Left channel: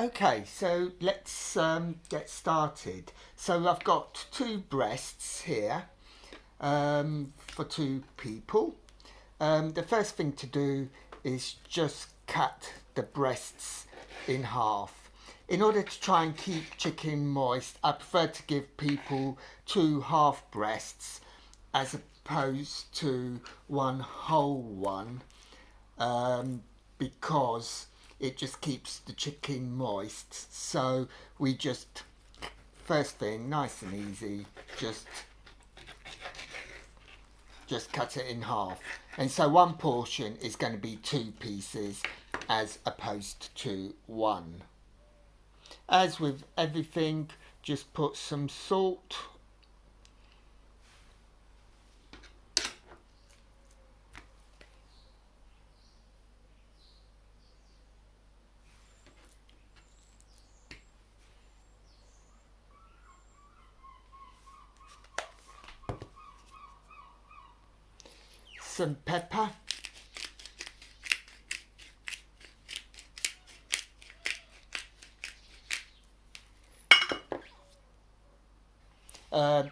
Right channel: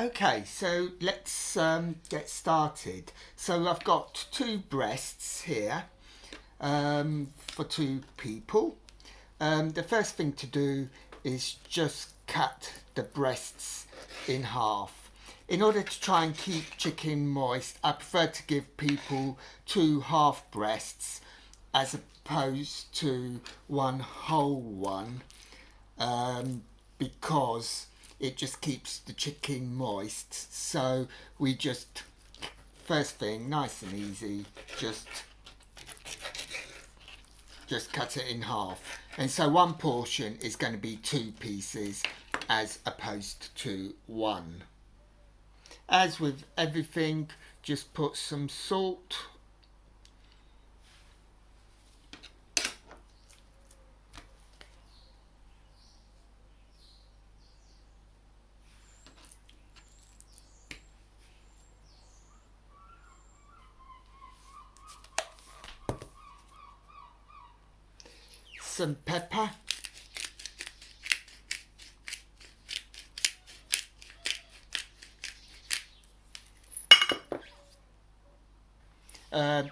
Okay, so let's get started. So I've got two breasts here for two people. The first thing to do is just cut the breasts in half. In order to try and keep chicken moist, I prefer to give people two half breasts as opposed to one whole one, because it just keeps the chicken moist. So we just, first thing, nice and easy, just cut it in half. And so one portion is going to be two pieces as opposed to one. As with everything, just put some salt, some pepper,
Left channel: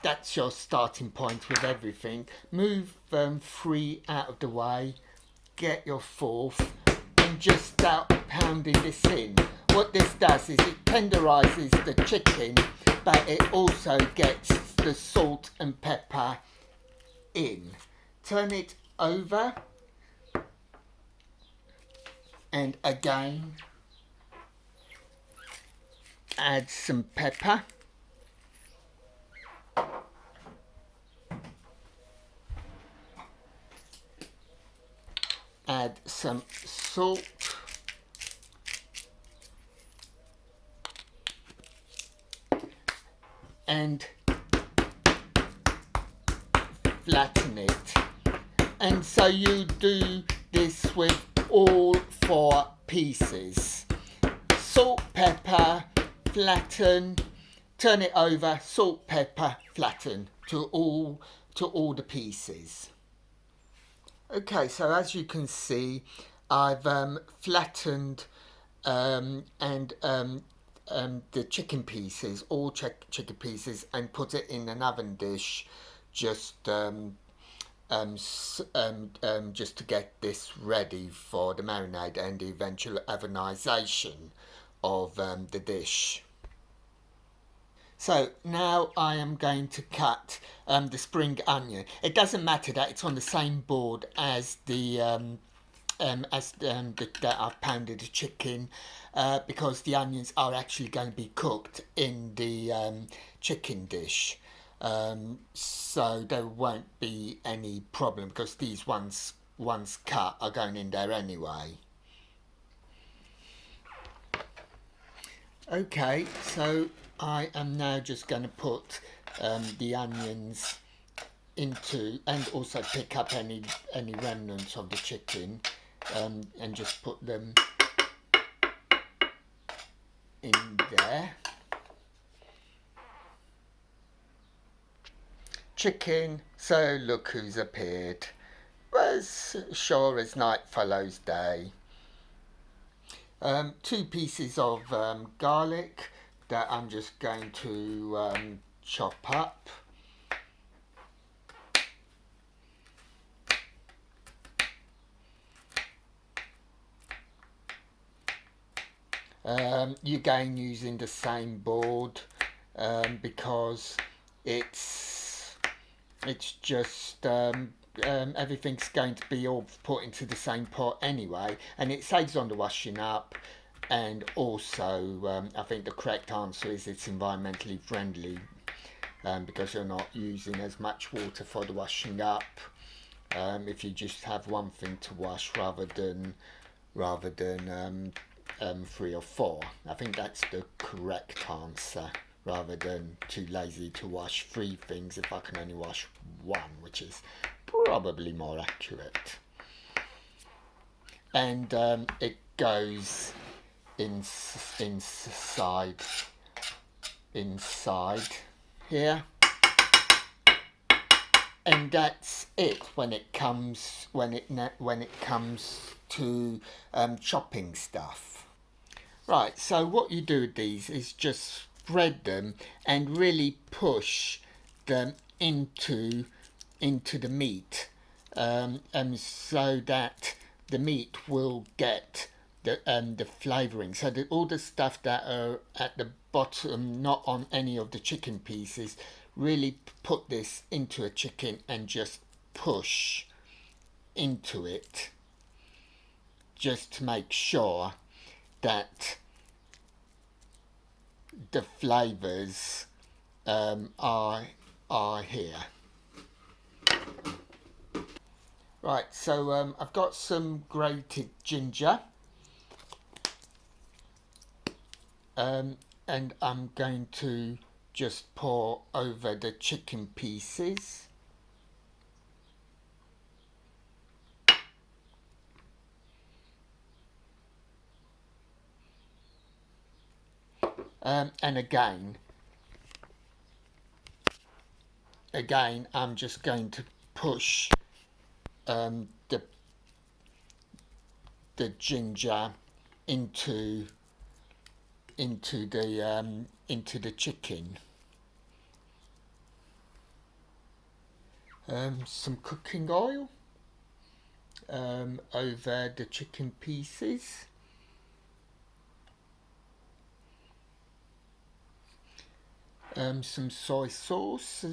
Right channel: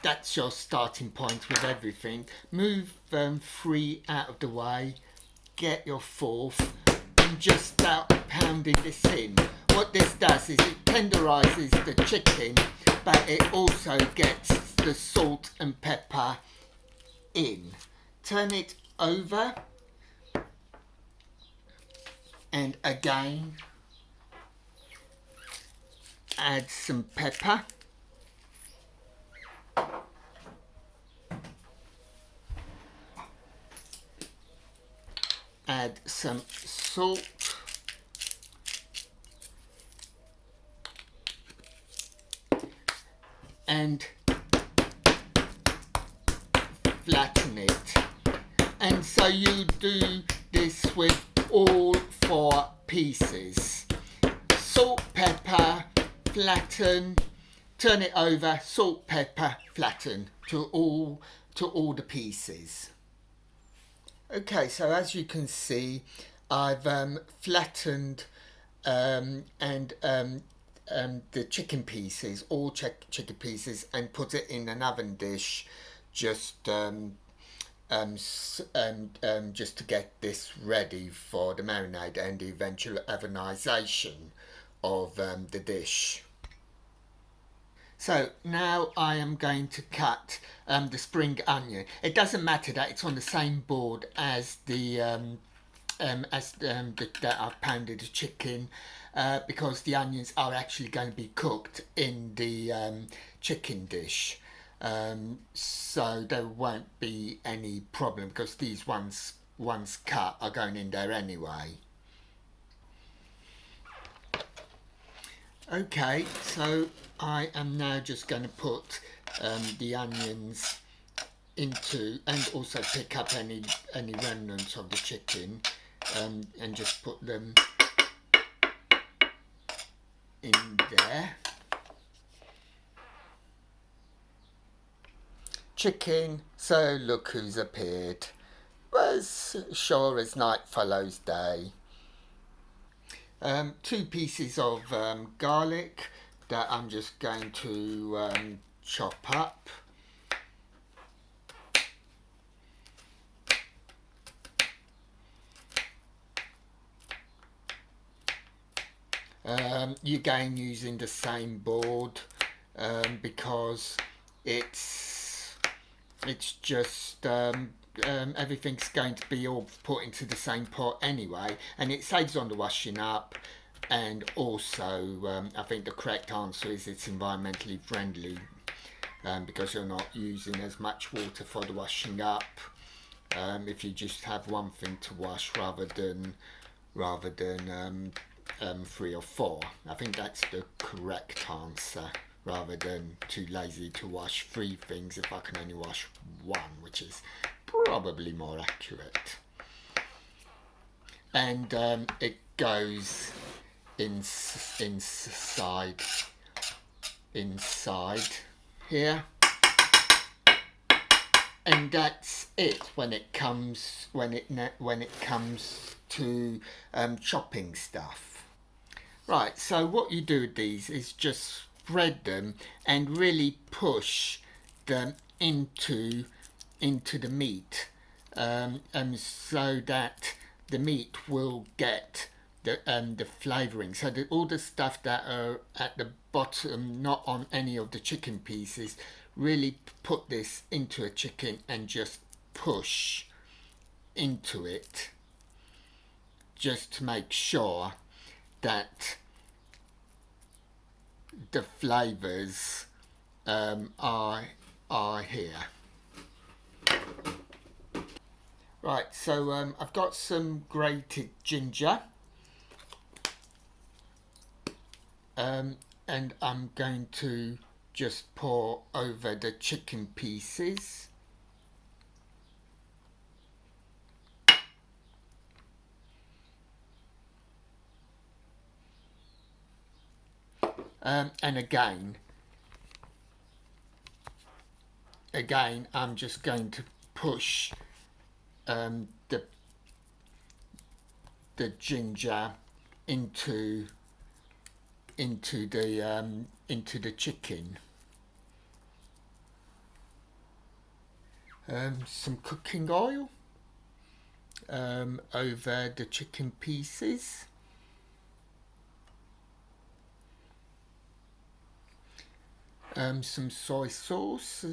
that's your starting point with everything. Move 3 out of the way, get your fourth, and just start pounding this in. What this does is it tenderises the chicken, but it also gets the salt and pepper in. Turn it over, and again add some pepper, add some salt, and flatten it. And so you do this with all 4 pieces. Salt, pepper, flatten, turn it over, salt, pepper, flatten to all the pieces. Okay, so as you can see, I've flattened the chicken pieces, all chicken pieces, and put it in an oven dish, just just to get this ready for the marinade and the eventual ovenization of the dish. So now I am going to cut the spring onion. It doesn't matter that it's on the same board as that I've pounded the chicken, because the onions are actually going to be cooked in the chicken dish. So there won't be any problem because these once cut are going in there anyway. Okay, so I am now just going to put the onions into, and also pick up any remnants of the chicken, and just put them in there. Chicken, so look who's appeared, was sure as night follows day. 2 pieces of garlic that I'm just going to chop up. You're again using the same board, because it's just everything's going to be all put into the same pot anyway, and it saves on the washing up. And also, I think the correct answer is it's environmentally friendly, because you're not using as much water for the washing up, if you just have one thing to wash rather than 3 or 4. I think that's the correct answer, rather than too lazy to wash 3 things if I can only wash 1, which is probably more accurate. And it goes inside here, and that's it when it comes to chopping stuff. Right, so what you do with these is just spread them and really push them into the meat, and so that the meat will get the flavouring. So that all the stuff that are at the bottom, not on any of the chicken pieces, really put this into a chicken and just push into it, just to make sure that the flavours are here. Right, so I've got some grated ginger, and I'm going to just pour over the chicken pieces. And again, I'm just going to push the ginger into the chicken. Some cooking oil over the chicken pieces. Some soy sauce.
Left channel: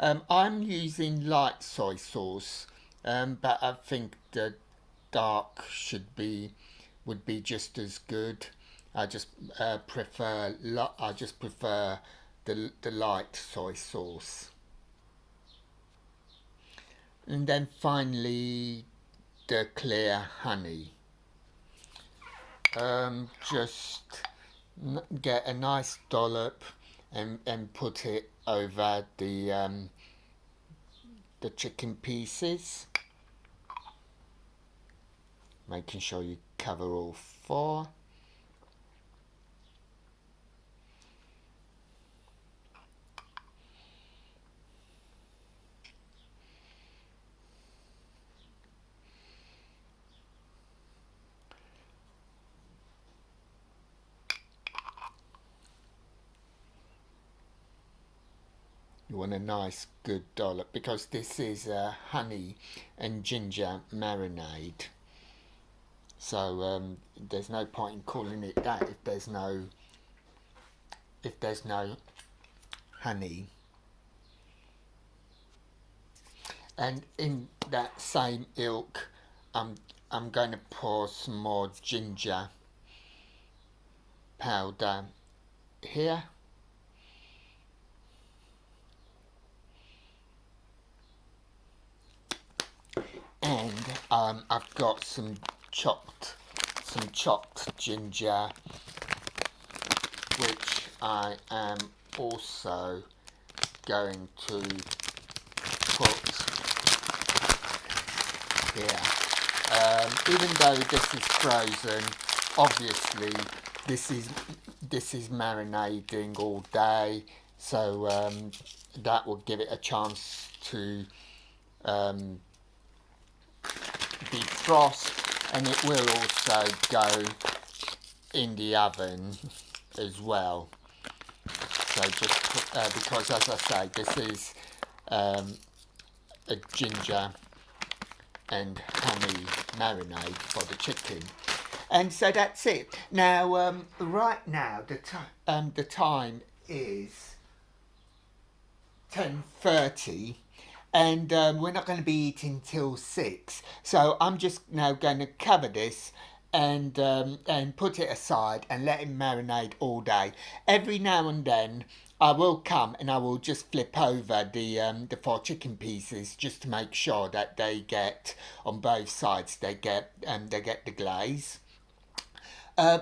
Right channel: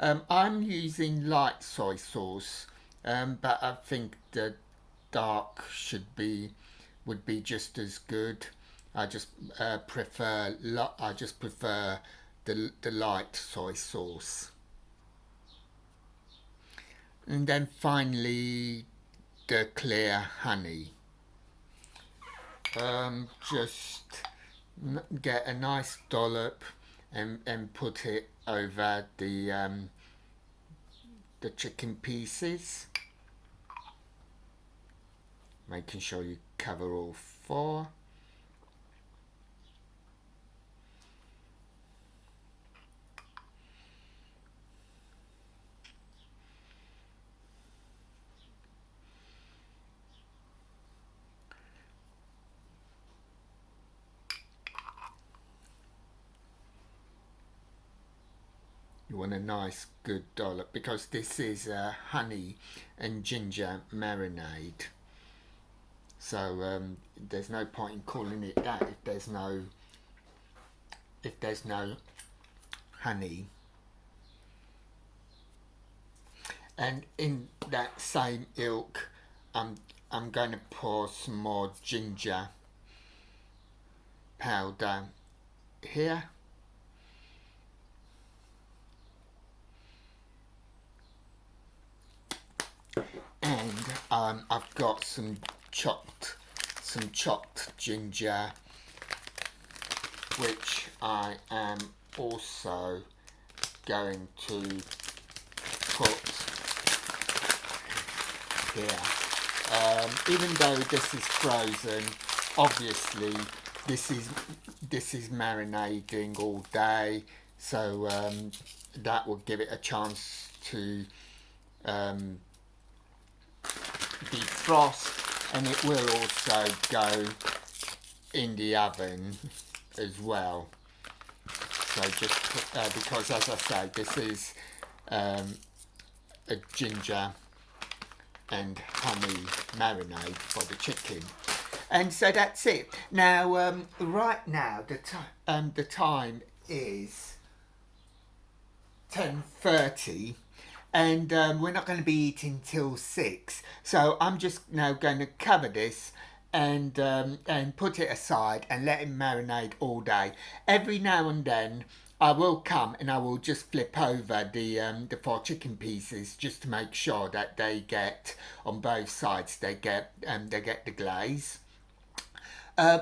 I'm using light soy sauce, but I think the dark would be just as good. I just prefer the light soy sauce. And then finally the clear honey. Just get a nice dollop and put it over the chicken pieces, making sure you cover all four. You want a nice good dollop, because this is a honey and ginger marinade. So there's no point in calling it that if there's no honey. And in that same ilk, I'm going to pour some more ginger powder here. And I've got some chopped ginger, which I am also going to put here. Even though this is frozen, obviously this is marinating all day, so that will give it a chance to defrost, and it will also go in the oven as well. So just put, because as I say, this is a ginger and honey marinade for the chicken. And so that's it. Now, right now, the time is 10:30, and we're not going to be eating till 6. So I'm just now going to cover this and put it aside and let it marinate all day. Every now and then I will come and I will just flip over the 4 chicken pieces, just to make sure that they get, on both sides, they get the glaze.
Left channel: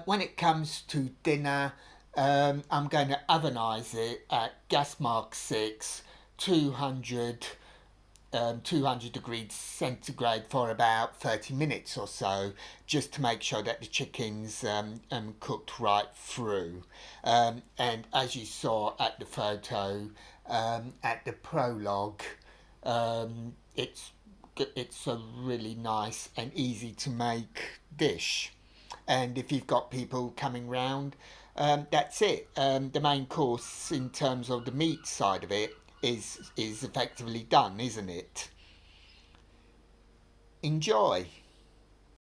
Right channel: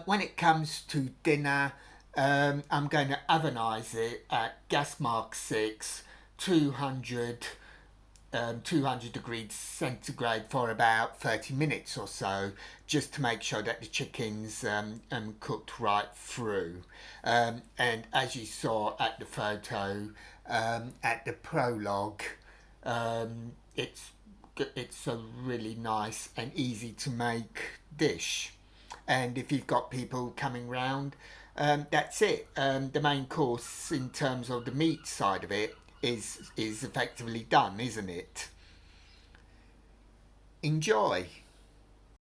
When it comes to dinner, I'm going to ovenize it at gas mark 6, 200 degrees centigrade for about 30 minutes or so, just to make sure that the chicken's cooked right through. And as you saw at the photo, at the prologue, it's a really nice and easy to make dish. and if you've got people coming round, that's it. The main course in terms of the meat side of it is effectively done, isn't it? Enjoy.